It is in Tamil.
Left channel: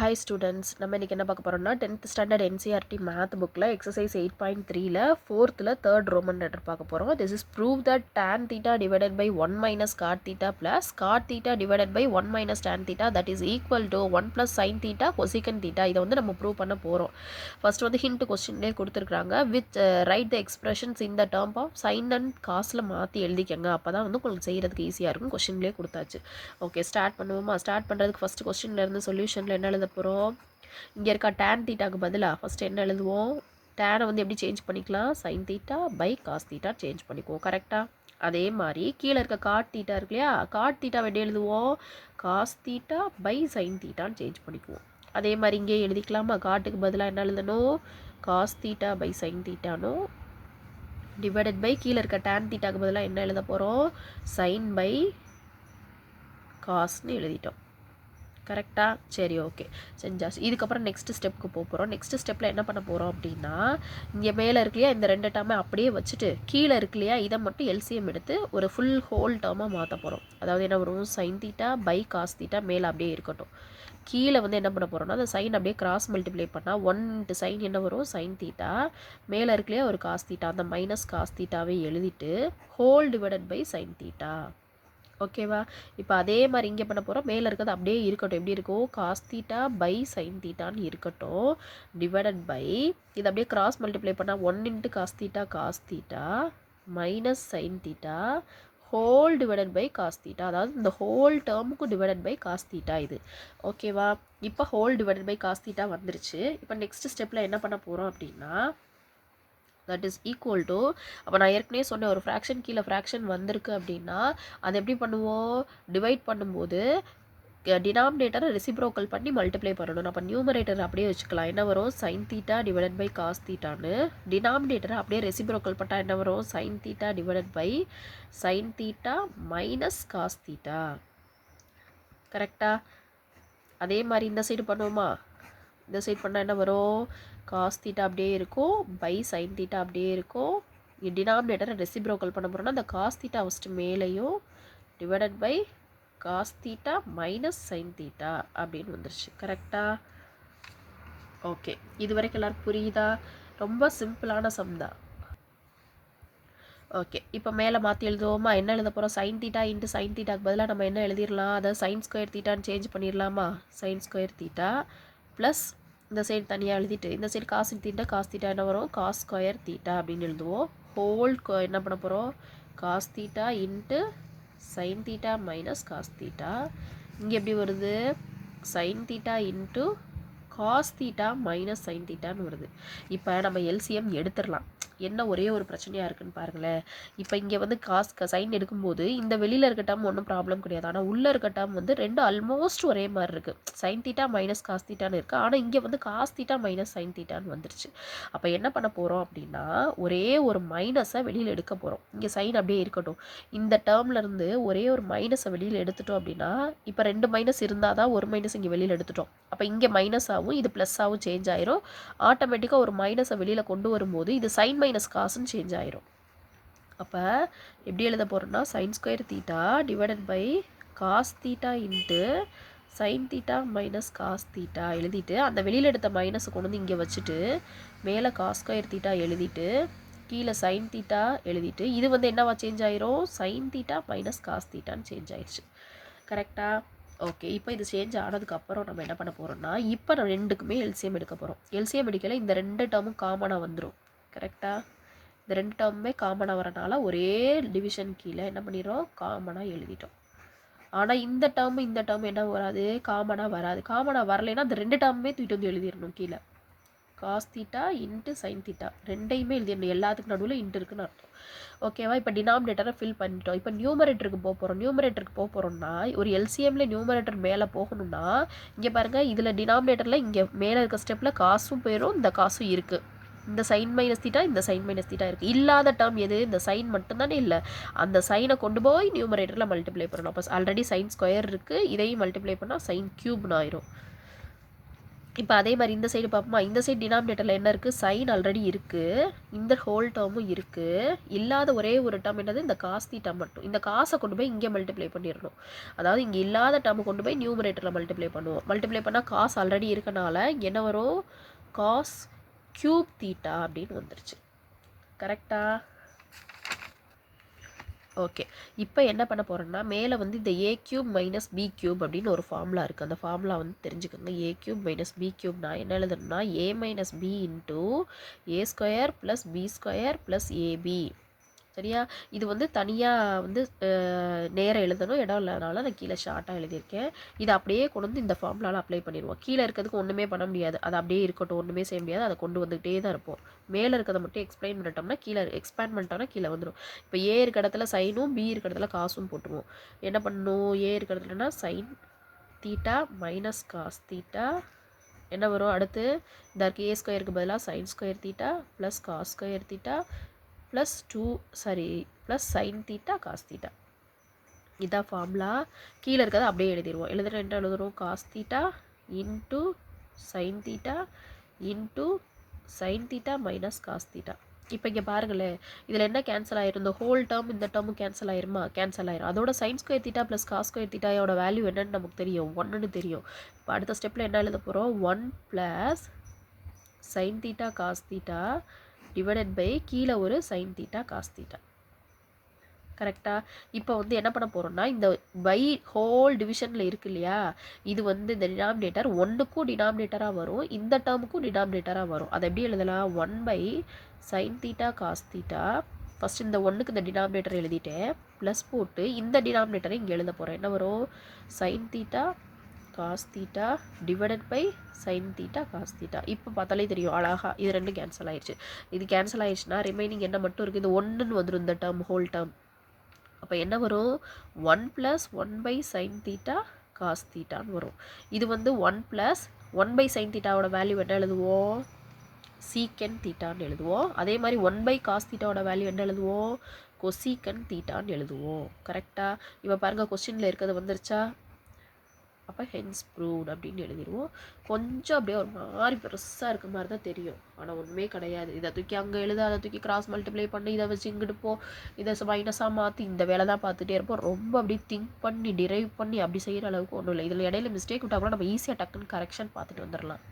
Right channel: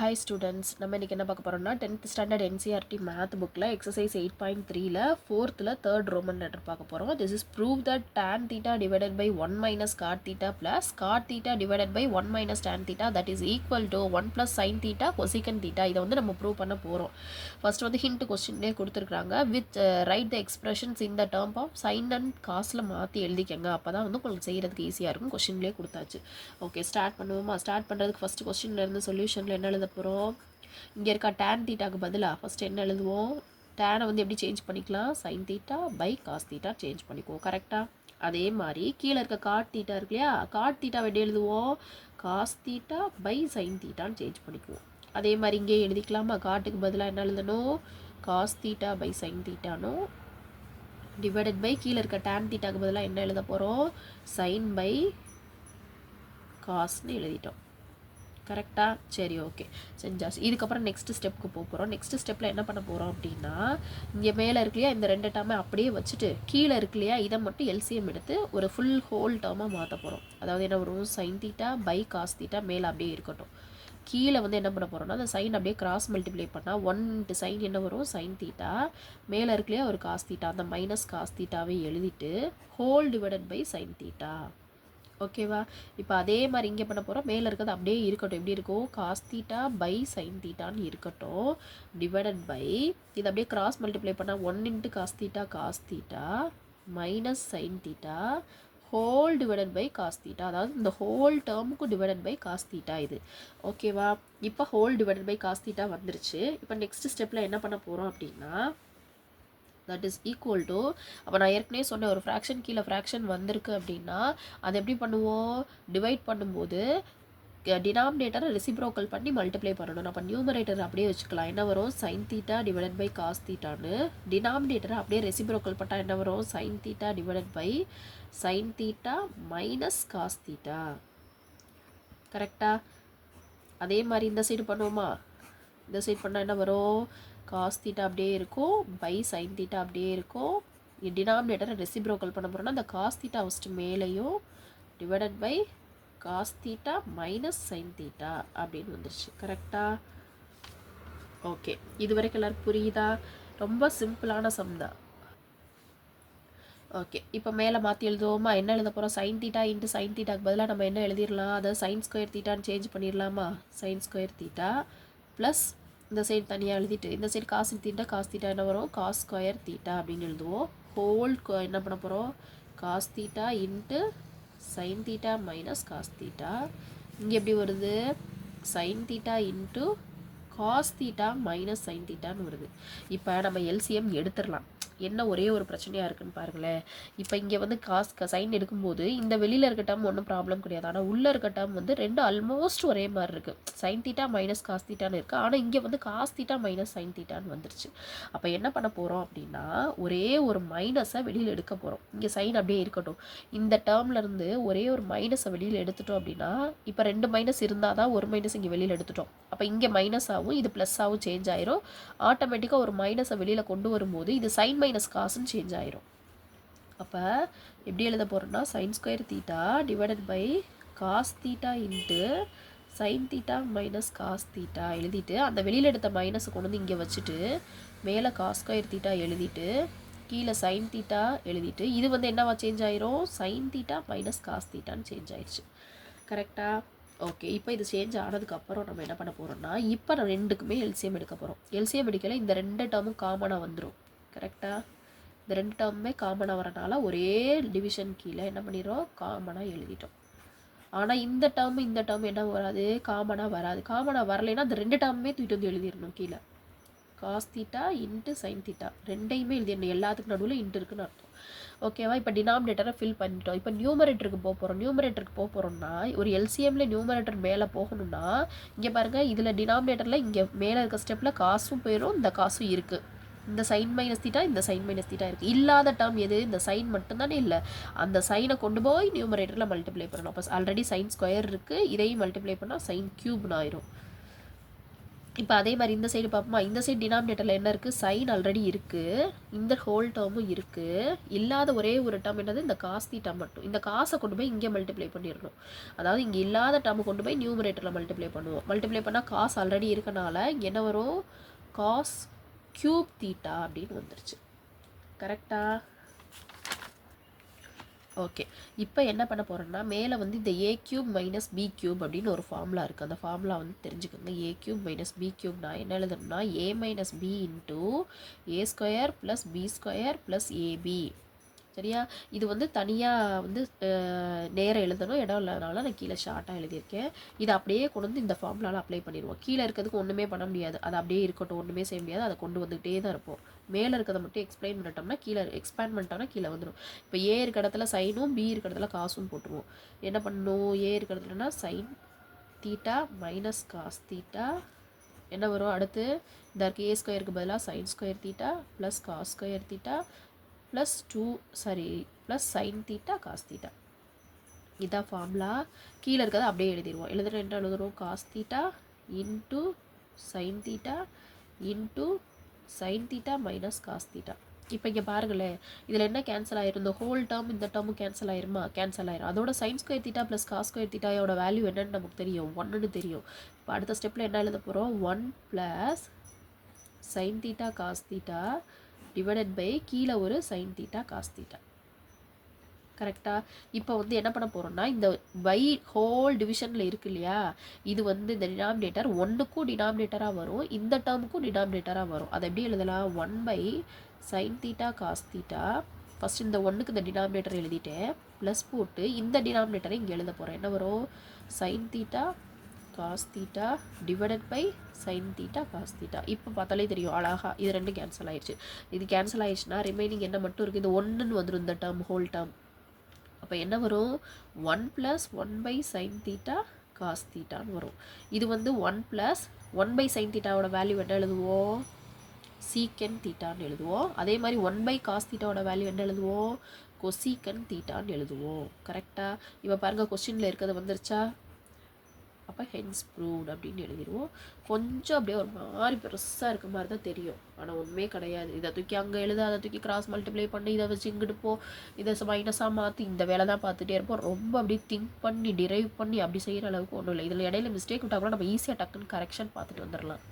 Hi students, நம்ம இன்னைக்கு என்ன பார்க்க போறோம்னா 10th standard NCERT math bookல exercise 8.3ல 4thல third Roman letter பார்க்க போறோம். This is prove that tan theta divided by 1 minus cot theta plus cot theta divided by 1 minus tan theta that is equal to 1 plus sin theta cosecant theta. இதை வந்து நம்ம ப்ரூவ் பண்ண போறோம். ஃபர்ஸ்ட் வந்து ஹிண்ட் கொஸ்டின்லேயே கொடுத்துருக்காங்க வித் ரைட் த எக்ஸ்பிரஷன்ஸ் இந்த டேர்ம் ஆஃப் சைன் அண்ட் காசில் மாற்றி எழுதிக்கங்க அப்போ தான் வந்து உங்களுக்கு செய்கிறதுக்கு ஈஸியாக இருக்கும். கொஸ்டின்லேயே கொடுத்தாச்சு. ஓகே ஸ்டார்ட் பண்ணுவோமா? ஸ்டார்ட் பண்ணுறதுக்கு ஃபஸ்ட்டு கொஸ்டின்லேருந்து சொல்யூஷனில் என்ன எழுத போகிறோம்? இங்கே இருக்கா tan தீட்டாக்கு பதிலாக ஃபஸ்ட்டு என்ன எழுதுவோம்? டேனை வந்து எப்படி சேஞ்ச் பண்ணிக்கலாம்? Sine theta by cos theta change பண்ணிக்குவோம். கரெக்டாக? அதே மாதிரி கீழே இருக்க காட் தீட்டா இருக்கு இல்லையா? காட் தீட்டா எப்படி எழுதுவோம்? காஸ் தீட்டா பை சைன் தீட்டான்னு சேஞ்ச் பண்ணிக்குவோம். அதே மாதிரி இங்கே எழுதிக்கலாமா? காட்டுக்கு பதிலாக என்ன எழுதணும்? காஸ் தீட்டா பை சைன் தீட்டானோ டிவைடட் பை கீழே இருக்க டேன் தீட்டாக்கு பதிலாக என்ன எழுத போகிறோம்? சைன் பை காஸ்ன்னு எழுதிட்டோம். கரெக்டாக? சரி, ஓகே, செஞ்சாச்சு. இதுக்கப்புறம் நெக்ஸ்ட் ஸ்டெப்புக்கு போகிறோம். நெக்ஸ்ட் ஸ்டெப்பில் என்ன பண்ண போகிறோம் அப்படின்னா, இங்கே மேலே இருக்கு இல்லையா, இந்த ரெண்டு டேர்மை அப்படியே வச்சுட்டு கீழே இருக்கு இல்லையா, இதை மட்டும் எல்சிஎம் எடுத்து ஒரு ஃபுல் ஹோல் டேர்மாக மாற்ற போகிறோம். அதாவது என்ன வரும்? Sine theta by cos theta மேலே அப்படியே இருக்கட்டும். கீழே வந்து என்ன பண்ண போகிறோம்னா, அந்த சைன் அப்படியே கிராஸ் மல்டிப்ளை பண்ணால் 1 சைன் என்ன வரும்? Sine theta. மேலே இருக்கு இல்லையா ஒரு காஸ் தீட்டா, அந்த மைனஸ் காஸ் தீட்டாவே எழுதிட்டு whole divided by sine theta. ஓகேவா? இப்போ அதே மாதிரி இங்கே பண்ண போகிறோம். மேலே இருக்கிறது அப்படியே இருக்கட்டும். எப்படி இருக்கும்? காஸ் தீட்டா பை சைன் தீட்டான்னு இருக்கட்டும். டிவைடட் பை இது அப்படியே கிராஸ் மல்டிப்ளை பண்ணால் 1 into cos theta minus sine theta whole divided by cos theta. அதாவது இந்த ஹோல் டேர்முக்கு டிவைடட் பை காஸ் தீட்டா இது. ஓகேவா? இப்போ whole divided by cos theta வந்துருச்சு. இப்போ நெக்ஸ்ட் ஸ்டெப்பில் என்ன பண்ண போகிறோம் அப்படின்னா, தட் இஸ் ஈக்குவல் டு, அப்போ நான் ஏற்கனவே சொன்னேன் ஒரு ஃப்ராக்ஷன் கீழே ஃப்ராக்ஷன் வந்திருக்கு அப்படின்னா அது எப்படி பண்ணுவோம்? டிவைட் பண்ணும்போது டினாமினேட்டரை ரெசிப்ரோக்கல் பண்ணி மல்டிப்ளை பண்ணணும். அப்போ நியூமரேட்டர் அப்படியே வச்சுக்கலாம். என்ன வரும்? Sine theta divided by cos தீட்டான்னு. டினாமினேட்டரை அப்படியே ரெசிப்ரோக்கல் பண்ணால் என்ன வரும்? Sine theta divided by sine theta minus cos theta. கரெக்டா? அதே மாதிரி இந்த சைடு பண்ணுவோமா? இந்த சைடு பண்ணால் என்ன வரும்? காஸ் தீட்டா அப்படியே இருக்கும் பை சைன் தீட்டா அப்படியே இருக்கும். டினாமினேட்டரை ரெசிப்ரோக்கல் பண்ண போகிறோம்னா அந்த காஸ் தீட்டா ஃபஸ்ட்டு மேலேயும் divided by cos theta minus sine theta அப்படின்னு வந்துருச்சு. கரெக்டாக? ஓகே, இது வரைக்கும் எல்லாருக்கும் புரியுதா? ரொம்ப சிம்பிளான சம் தான். ஓகே, இப்போ மேலே மாற்றி எழுதுவோமா? என்ன எழுத போகிறோம்? சைன் தீட்டா இன்ட்டு சைன் தீட்டாக்கு பதிலாக நம்ம என்ன எழுதிடலாம்? அதாவது சைன் ஸ்கொயர் தீட்டான்னு சேஞ்ச் பண்ணிடலாமா? சைன் ஸ்கொயர் தீட்டா ப்ளஸ் இந்த சைடு தனியாக எழுதிட்டு இந்த சைடு காசு காஸ் தீட்டா என்ன வரும்? காஸ் ஸ்கொயர் தீட்டா அப்படின்னு எழுதுவோம். ஹோல் என்ன பண்ண போகிறோம்? Cos theta into sine theta minus cos theta. இங்கே எப்படி வருது? Sine theta into cos theta minus sine தீட்டான்னு வருது. இப்போ நம்ம எல்சிஎம் எடுத்துடலாம். என்ன ஒரே ஒரு பிரச்சனையாக இருக்குன்னு பாருங்களேன். இப்போ இங்கே வந்து சைன் எடுக்கும்போது இந்த வெளியில் இருக்க டேர்ம் ஒன்றும் ப்ராப்ளம் கிடையாது. ஆனால் உள்ளே இருக்க டேர்ம் வந்து ரெண்டும் ஆல்மோஸ்ட் ஒரே மாதிரி இருக்குது. சைன் தீட்டா மைனஸ் காஸ் தீட்டான்னு இருக்குது. ஆனால் இங்கே வந்து காஸ் தீட்டா மைனஸ் சைன் தீட்டான்னு வந்துருச்சு. அப்போ என்ன பண்ண போகிறோம் அப்படின்னா, ஒரே ஒரு மைனஸை வெளியில் எடுக்க போகிறோம். இங்கே சைன் அப்படியே இருக்கட்டும். இந்த டேர்ம்லேருந்து ஒரே ஒரு மைனஸை வெளியில் எடுத்துட்டோம் அப்படின்னா, இப்போ 2 மைனஸ் இருந்தால் தான் ஒரு மைனஸ் இங்கே வெளியில் எடுத்துட்டோம். அப்போ இங்கே மைனஸ் ஆகும், இது ப்ளஸ் ஆகும், சேஞ்ச் ஆயிரும். ஆட்டோமேட்டிக்காக ஒரு மைனஸை வெளியில் கொண்டு வரும்போது இது சைன் மைனஸ் காசுன்னு சேஞ்ச் ஆயிரும். அப்போ எப்படி எழுத போகிறோம்னா, sine square theta divided by cos theta into sine theta minus cos theta எழுதிட்டு அந்த வெளியில் எடுத்த மைனஸை கொண்டு வந்து இங்கே வச்சுட்டு மேலே காஸ் ஸ்கொயர் தீட்டா எழுதிட்டு கீழே சைன் தீட்டா எழுதிட்டு இது வந்து என்னவா சேஞ்ச் ஆயிரும்? சைன் தீட்டா மைனஸ் காஸ் தீட்டான்னு சேஞ்ச் ஆயிடுச்சு. கரெக்டாக? ஓகே, இப்போ இது சேஞ்ச் ஆனதுக்கப்புறம் நம்ம என்ன பண்ண போகிறோம்னா, இப்போ ரெண்டுக்குமே எல்சிஎம் எடுக்க போகிறோம். எல்சிஎம் எடுக்கல இந்த ரெண்டு டேர்மும் காமனாக வந்துடும். கரெக்டாக? இந்த ரெண்டு டேர்முமே காமனாக வரனால ஒரே டிவிஷன் கீழே என்ன பண்ணிடுறோம்? காமனாக எழுதிட்டோம். ஆனால் இந்த டேர்ம் என்ன வராது? காமனாக வராது. காமனாக வரலைன்னா அந்த ரெண்டு டேர்முமே தூக்கிட்டு வந்து எழுதிடணும் கீழே. Cos theta into sine theta ரெண்டையுமே எழுதிடணும். எல்லாத்துக்கு நடுவில் இன்ட்டு இருக்குன்னு அர்த்தம். ஓகேவா? இப்போ டினாமினேட்டரை ஃபில் பண்ணிட்டோம். இப்போ நியூமரேட்டருக்கு போக போகிறோம்னா ஒரு எல்சிஎம்மில் நியூமரேட்டர் மேலே போகணும்னா இங்கே பாருங்கள், இதில் டினாமினேட்டரில் இங்கே மேலே இருக்க ஸ்டெப்பில் காசும் போயிடும், இந்த காசும் இருக்குது. இந்த சைன் மைனஸ் தீட்டா இந்த சைன் மைனஸ் தீட்டா இருக்குது. இல்லாத டேர்ம் எது? இந்த சைன் மட்டும்தானே இல்லை. அந்த சைனை கொண்டு போய் நியூமரேட்டரில் மல்டிப்ளை பண்ணணும். அப்போ ஆல்ரெடி சைன் ஸ்கொயர் இருக்குது, இதையும் மல்டிப்ளை பண்ணால் சைன் க்யூப்னு ஆயிரும். இப்போ அதே மாதிரி இந்த சைடு பார்ப்போமா, இந்த சைடு டினாமினேட்டரில் என்ன இருக்குது, சைன் ஆல்ரெடி இருக்குது, இந்த ஹோல் டேர்மும் இருக்குது, இல்லாத ஒரே ஒரு டேர்ம் என்னது, இந்த காஸ் தீட்டா மட்டும். இந்த காசை கொண்டு போய் இங்கே மல்டிப்ளை பண்ணிடணும். அதாவது இங்கே இல்லாத டேர்மை கொண்டு போய் நியூமரேட்டரில் மல்டிப்ளை பண்ணுவோம். மல்டிப்ளை பண்ணால் காஸ் ஆல்ரெடி இருக்கனால இங்கே என்ன வரும், காஸ் கியூப் தீட்டா அப்படின்னு வந்துருச்சு. கரெக்டா? ஓகே. இப்போ என்ன பண்ண போகிறோன்னா, மேலே வந்து இந்த a cube minus b cube அப்படின்னு ஒரு ஃபார்முலா இருக்குது. அந்த ஃபார்முலா வந்து தெரிஞ்சுக்கோங்க. ஏ கியூப் மைனஸ் பி கியூப்னா என்ன எழுதணும்னா, a minus b into a square plus b square plus ab. சரியா? இது வந்து தனியாக வந்து நேரம் எழுதணும், இடம் இல்லாதனால நான் கீழே ஷார்ட்டாக எழுதியிருக்கேன். இதை அப்படியே கொண்டு வந்து இந்த ஃபார்முலாவில் அப்ளை பண்ணிடுவோம். கீழே இருக்கிறதுக்கு ஒன்றுமே பண்ண முடியாது, அது அப்படியே இருக்கட்டும், ஒன்றுமே செய்ய முடியாது, அதை கொண்டு வந்துகிட்டே தான் இருப்போம். மேலே இருக்கிறத மட்டும் எக்ஸ்பிளைன் பண்ணிட்டோம்னா கீழே எக்ஸ்பேண்ட் பண்ணிட்டோம்னா கீழே வந்துடும். இப்போ ஏ இருக்க இடத்துல சைனும் பி இருக்க இடத்துல காசும் போட்டுருவோம். என்ன பண்ணணும், ஏ இருக்க இடத்துலனா sine theta minus cos theta என்ன வரும், அடுத்து இந்த இருக்க ஏ ஸ்கொயருக்கு பதிலாக sine square theta plus cos square theta plus plus sine theta cos theta. இதான் ஃபார்முலா. கீழே இருக்கிறத அப்படியே எழுதிடுவோம். எழுதுகிற என்ன எழுதுறோம், cos theta into sine theta into sine theta minus cos theta. இப்போ இங்கே பாருங்களேன், இதில் என்ன கேன்சல் ஆயிரும், இந்த ஹோல் டேர்ம் இந்த டேர்மும் கேன்சல் ஆயிருமா, கேன்சல் ஆயிரும். அதோட sine square theta plus cos square தீட்டாயோட வேல்யூ என்னன்னு நமக்கு தெரியும், 1ன்னு தெரியும். இப்போ அடுத்த ஸ்டெப்பில் என்ன எழுத போகிறோம், 1 plus sine theta cos theta divided by கீழே ஒரு சைன் தீட்டா காஸ் தீட்டா. கரெக்டாக? இப்போ வந்து என்ன பண்ண போகிறோம்னா, இந்த பை ஹோல் டிவிஷனில் இருக்கு இல்லையா, இது வந்து இந்த டினாமினேட்டர் 1க்கும் டினாமினேட்டராக வரும், இந்த டேர்முக்கும் டினாமினேட்டராக வரும். அதை எப்படி எழுதலாம், 1 by sine theta cos theta. First இந்த 1க்கு இந்த டினாமினேட்டர் எழுதிட்டேன், ப்ளஸ் போட்டு இந்த டினாமினேட்டரை இங்கே எழுத போகிறேன். என்ன வரும், sine theta cos theta divided by sine theta cos theta. இப்போ பார்த்தாலே தெரியும் அழகா இது ரெண்டும் கேன்சல் ஆயிடுச்சு. இது கேன்சல் ஆயிடுச்சுன்னா ரிமைனிங் என்ன மட்டும் இருக்குது, இது 1ன்னு வந்துடும், இந்த டேர்ம் ஹோல் டேர்ம். அப்போ என்ன வரும், 1 plus 1 by sine theta cos தீட்டான்னு வரும். இது வந்து 1 ப்ளஸ் 1 பை சைன் தீட்டாவோட வேல்யூ என்ன எழுதுவோம், சீக்கன் தீட்டான்னு எழுதுவோம். அதே மாதிரி 1 பை காஸ் தீட்டாவோட வேல்யூ என்ன எழுதுவோம், கொசீக்கன் தீட்டான்னு எழுதுவோம். கரெக்டாக? இப்போ பாருங்கள் கொஸ்டினில் இருக்கிறது வந்துருச்சா, அப்போ ஹென்ஸ் ப்ரூவ்ட் அப்படின்னு எழுதிடுவோம். கொஞ்சம் அப்படியே ஒரு மாதிரி பெருசாக இருக்க மாதிரி தான் தெரியும், ஆனால் ஒன்றுமே கிடையாது. இதை தூக்கி அங்கே எழுத, அதை தூக்கி கிராஸ் மல்டிப்ளை பண்ணி, இதை வச்சு இங்கிட்டு போ, இதை மைனஸாக மாற்றி இந்த வேலை தான் பார்த்துட்டே இருப்போம். ரொம்ப அப்படியே திங்க் பண்ணி டிரைவ் பண்ணி அப்படி செய்கிற அளவுக்கு ஒன்றும் இல்லை. இதில் இடையில மிஸ்டேக் விட்டால் கூட நம்ம ஈஸியாக டக்குன்னு கரெக்ஷன் பார்த்துட்டு வந்துடலாம்.